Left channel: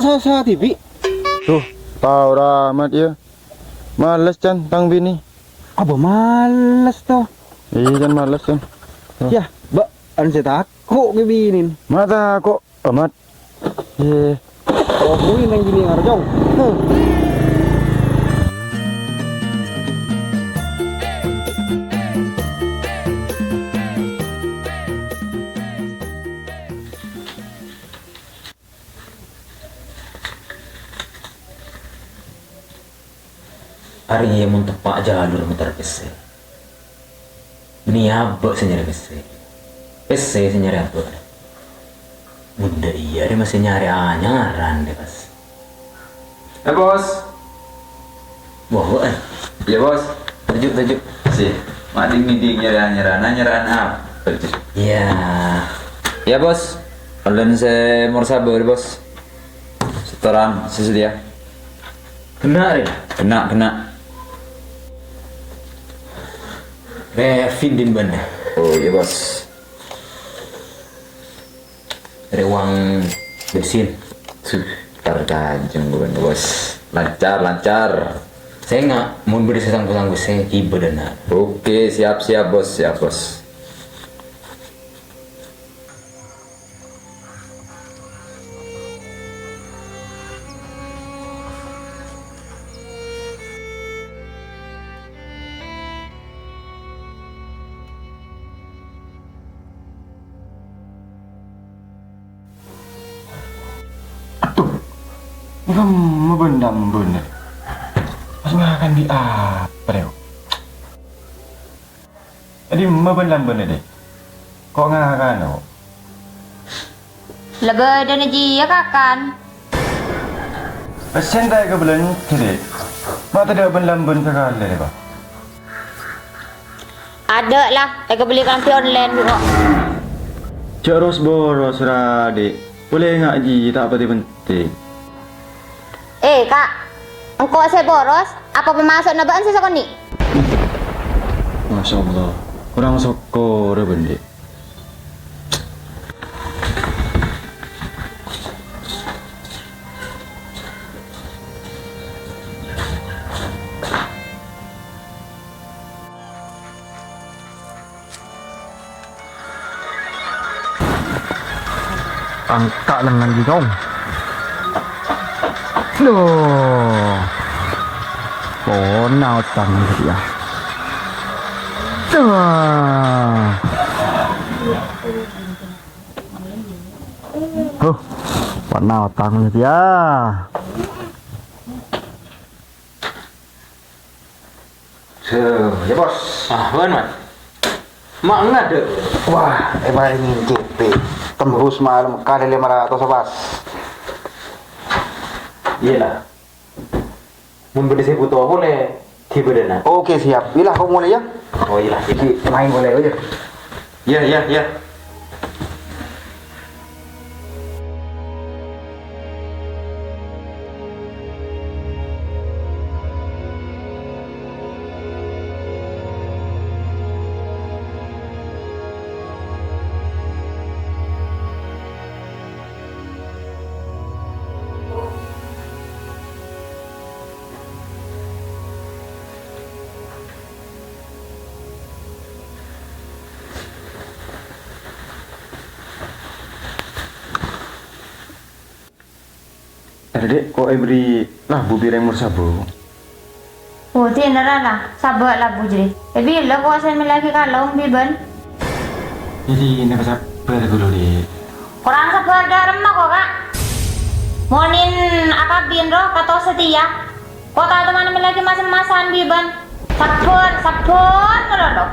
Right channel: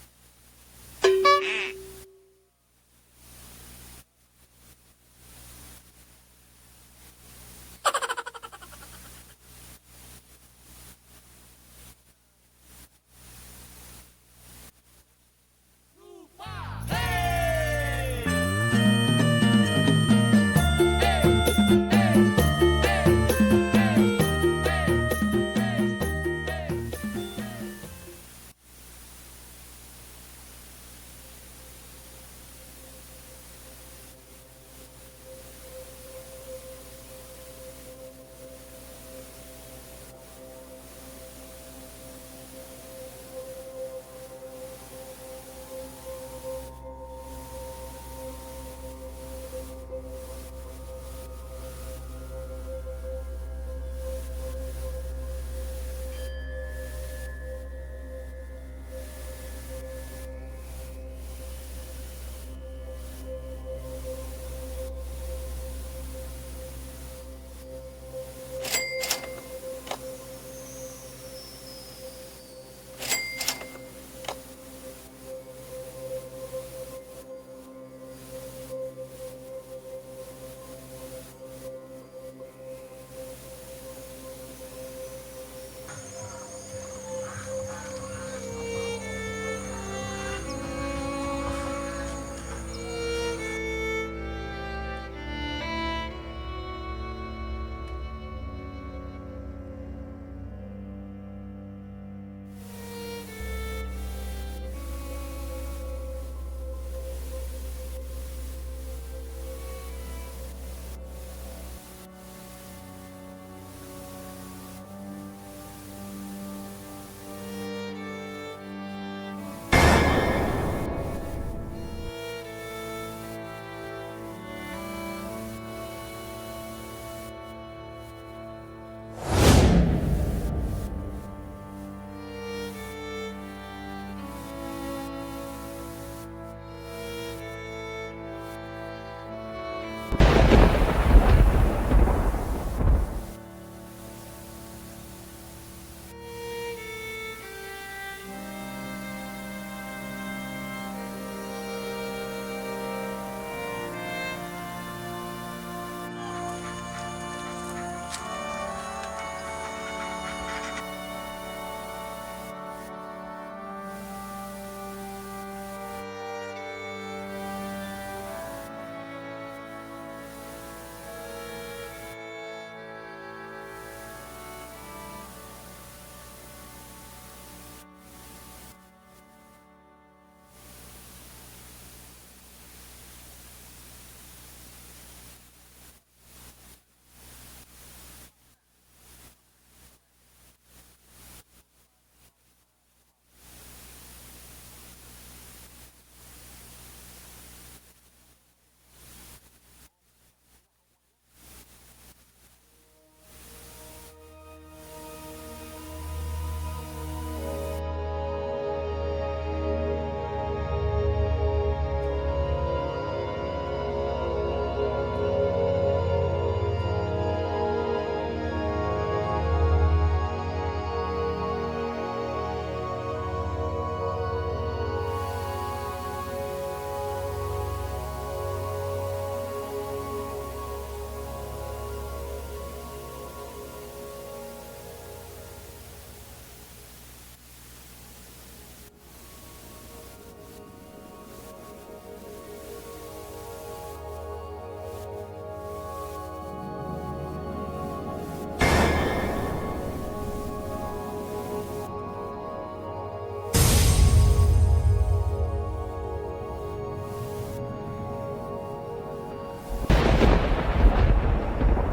sah-sah TV. Tuh, tahu ramat ya. Males Chan, tang bini. Apa males toh? Iya kan males kan. Ya, mbak, saya takut kebinin. Mata kok amat. Ye. Oh, gue nang gini ngarjong. Hari ini mau tepak jalur muter PC. Ini apa senyari PC? PC senyari apa? Muda iya, dia masih nyari nyaran deh pas. Bos. Wah, Ya bos. tujuh. Sih. Mading nyerah apa? Ya, ya bos. Kalian saya mau sabar bos. Setoran sesedia. Kena deh. Kena. Revin din ban. Oh iya bos. Ada uang bensin. Terganjung bukan bos. Lancar. Saya nggak mau beri sesanggu-sanggu saya tiba dana. Oke siap bos. Kamu bendam bener. Pas makan di apa deh? Jadi bendam bener deh. Kok ngakan oh? Lebih dan ya kakan. Pesen tak ke bulan tidak? Mata dia bendam bener kali deh pak. Ada lah, saya beli kampi online juga. Terus boros radik. Boleh nggak ji? Tak penting. Kak, engkau saya boros, apa pemasok nabaan saya sekali? Masya Allah, kurang sokor bende. Angkat lengan di dong. Loh, nào tầng gì à? Bạn nào tầng gì à? Ya bos. Wan man. Mak nggak ada. Wah, ini JP. Tembus malam kali 500 bos. Iyalah. Mun beri saya butuh boleh tiba dana. Oke, siap. Bila kau mulai ya? Oh iyalah. Main boleh aja. Ya. Dek, kok beri lah bubi remur sabu. Oh, tiada lah, sabar lah bujri. Tapi lo kau saya lagi kalau biban. Jadi ini sabar dulu deh. Orang sabar dah remah kok kak. Monin akabin roh kata setia. Kau tahu teman lagi masing-masing biban. Sabar kalau.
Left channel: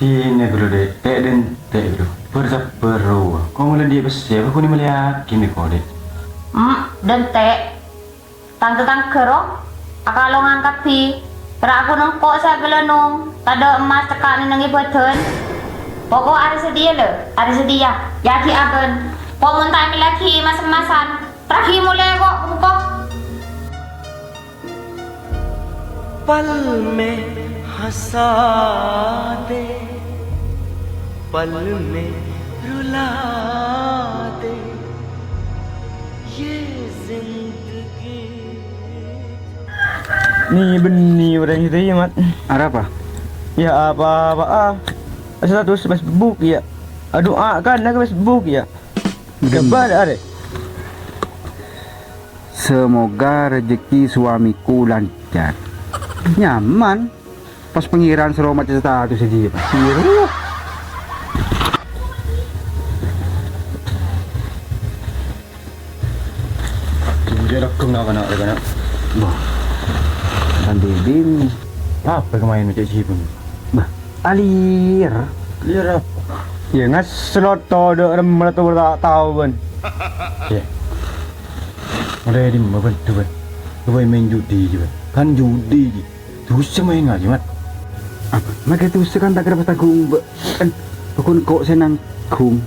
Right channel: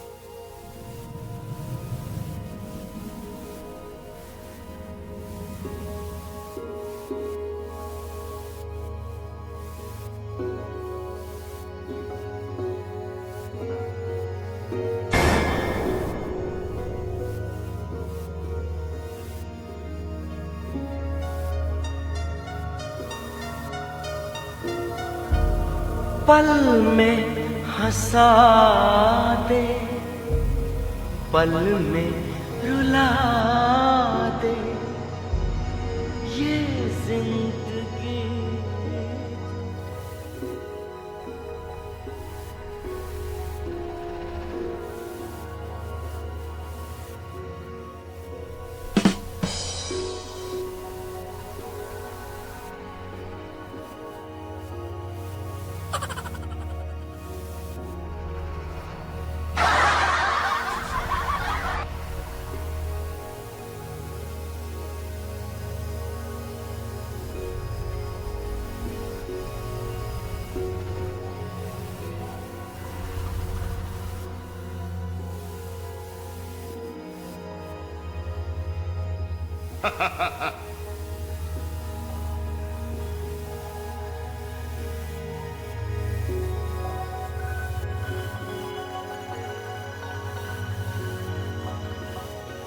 Ini dulu deh, dek dulu. Bersabar roh. Kau mulai dia besar, aku ni melihat kini kau deh. Dan tang kerong akalo ngangkat pi aku nengkok saya belenung tada emas tekan nengi beten pokok ada sedia jadi aben kok mentah lagi mas-masan terakhir mulai kok पल में हंसा दे पल में रुला दे ये जिंदगी Ni benih orang itu ya mat. Ada apa? Ya apa-apa status Facebook ya. Doa kan ke Facebook ya. Kabar ada. Semoga rezeki suamiku lancar. Nyaman. Pas pengiraan seromat status aja. Dia rakam nak nak nak. Bah. Dan bibim. Apa kemain macam si pun. Bah. Alir. Lihat apa? Ya ngas slot to de rem tu tak tahu pun. Ya. Mulai di mana pun tu pun. Tu main judi je. Kan judi. Terus main ngaji mat. Apa? Maka itu sekan tak kira pasal kum. Kan kun kok senang kum.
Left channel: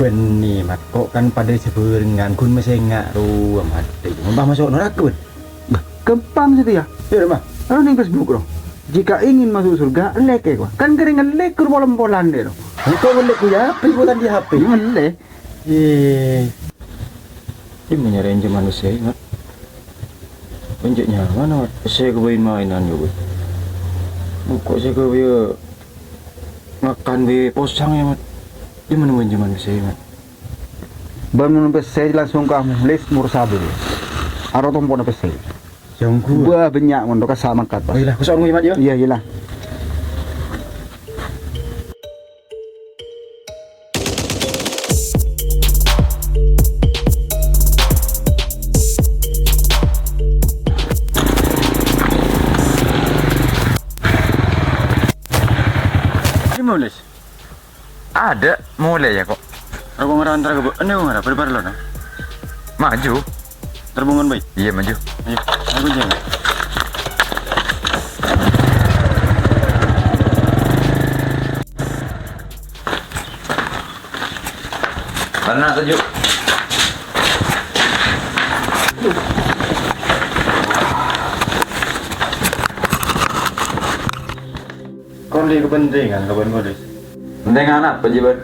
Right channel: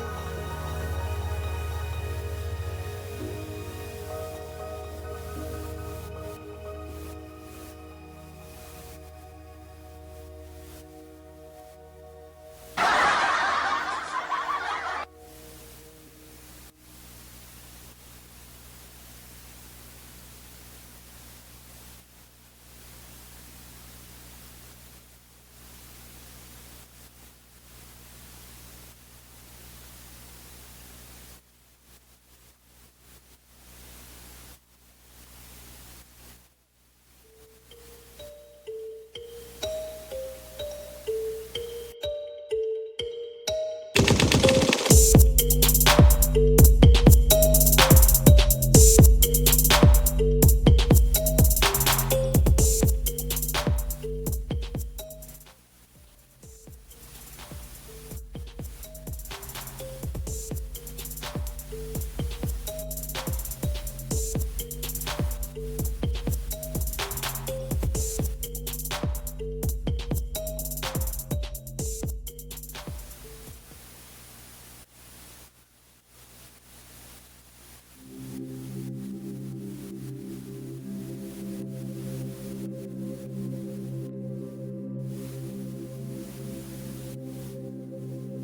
Benih mat. Kok kan pada sebengan kun masih ingat tu amat. Mbah masuk neraka pun. Bah. Kempam situ ya. Ya mah. Lalu ning Facebook loh. Jika ingin masuk surga, lek ya. Kan keringan lek kur bolam-bolan deh loh. Kau ngelek tu ya? Perbuatan di HP. Ngelek. Ini menyerang manusia mat. Penjeknya mana mat? Saya kebain mainan juga. Kok saya kebaya makan be posang ya mat. Dia mana manusia mat. Bangun pesai langsung kamu les mursabil. Aro tompon pesai. Jangku. Buah banyak mondok sama kat pas. Baiklah, kau seorang mat ya. Iya iyalah. Mulis. Ada, mulai ya kok. Aku ngerantar ke bu. Ini aku ngerah. Berbar lo nah. Maju. Terbungan baik. Iya maju. Ayo, aku jangan. Mana tuju? Kau lihat kepentingan kawan kau des. Penting anak penjibat.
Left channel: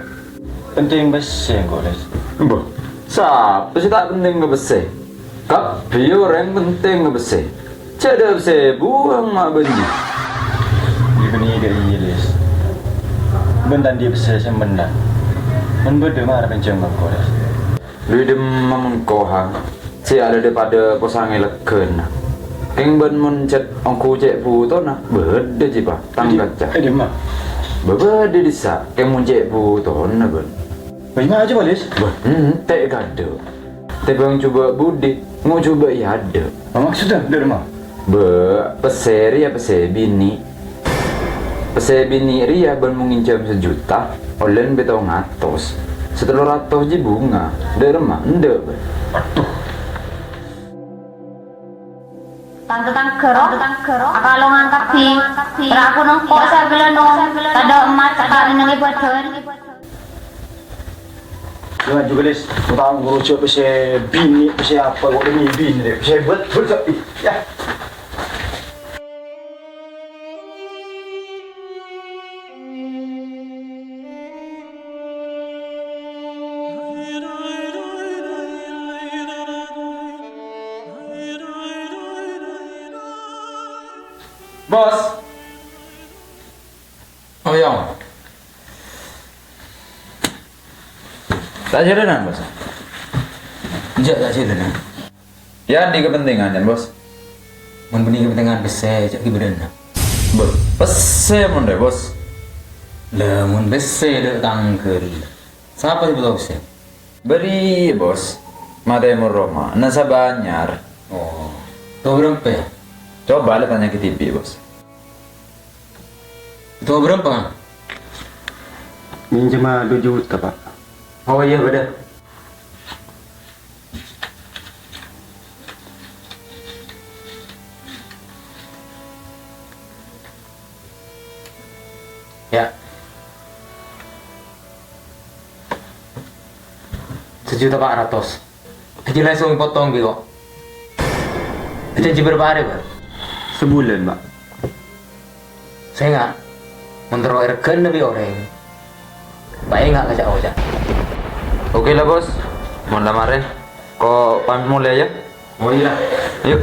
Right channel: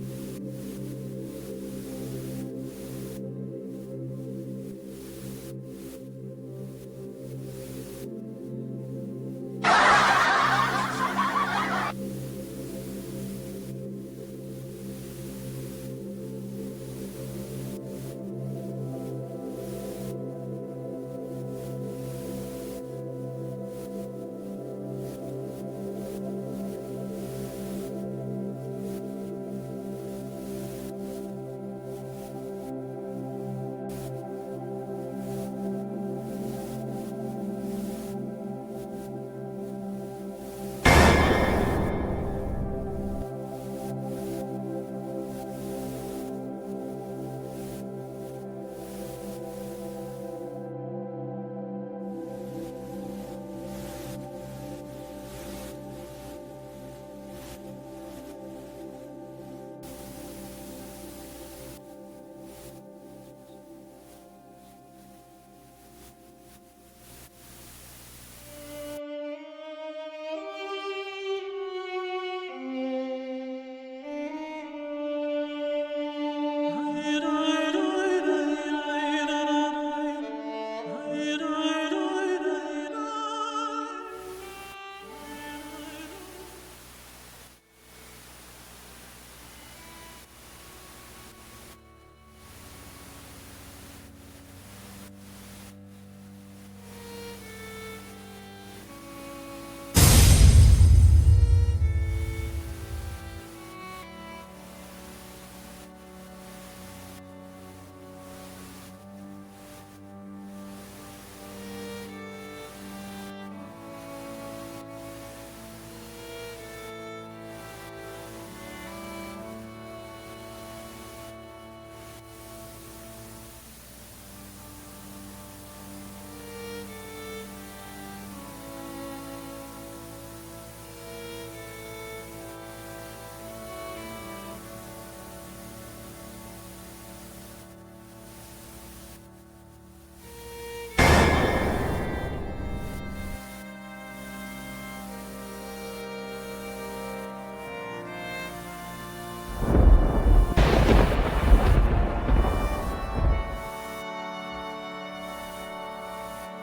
Penting besar kau des. Boh. Siapa sih tak penting ngebese? Tapi orang penting ngebese. Cada bese buang mak benji. Di benih ke Inggris. Bentan dia besar sembendan. Membeda marah penceng kau des. Lui dem mamun kohang. Si ada daripada posang eleken. Keng ben mencet angku cek puto na. Beda jipa. Tanggat cak. Dia mah. Beda disa. Keng mun cek puto na ben. Bagaimana aja Balis? Tak gado. Tapi bang coba budi. Mau coba ya ada. Apa maksudnya? Dia mah. Peseri ya pesebini. Pesebini ria ben mengincam 1 juta. Olen betau ngatos. Setelah ratus je bunga. Dari rumah ende. Tangke-tangke kalau ngangkat pi. Aku nong kok saya bilang nong. Tada emas tak nengi badan. Jangan juga les. Kau tahu ngurusin pesai bini, pesai apa? Kau demi bini deh. Pesai betul ya. Bos. Oh yang. Tak jadian bos. Tak jadian. Ya di kepentingan dan bos. Mun benih kepentingan besar cak kiberan. Bos. Pese mon deh bos. Lah mun besar dek tangkel. Siapa sih betul besar? Beri bos. Mata Roma. Nasa Banyar. Oh. Tahu berapa ya? Coba lah tanya ke TV bos. Tahu berapa kan? Minjem 2 juta pak. Oh iya benar. Ya. 1.400.000. Haji langsung potong gitu. Janji berapa hari pak? Sebulan pak. Saya nggak. Menurut erken lebih orang. Baik nggak ngajak aja. Oke lah bos. Mau lamarin. Kok pamit mulai ya? Oh iya. Ayo.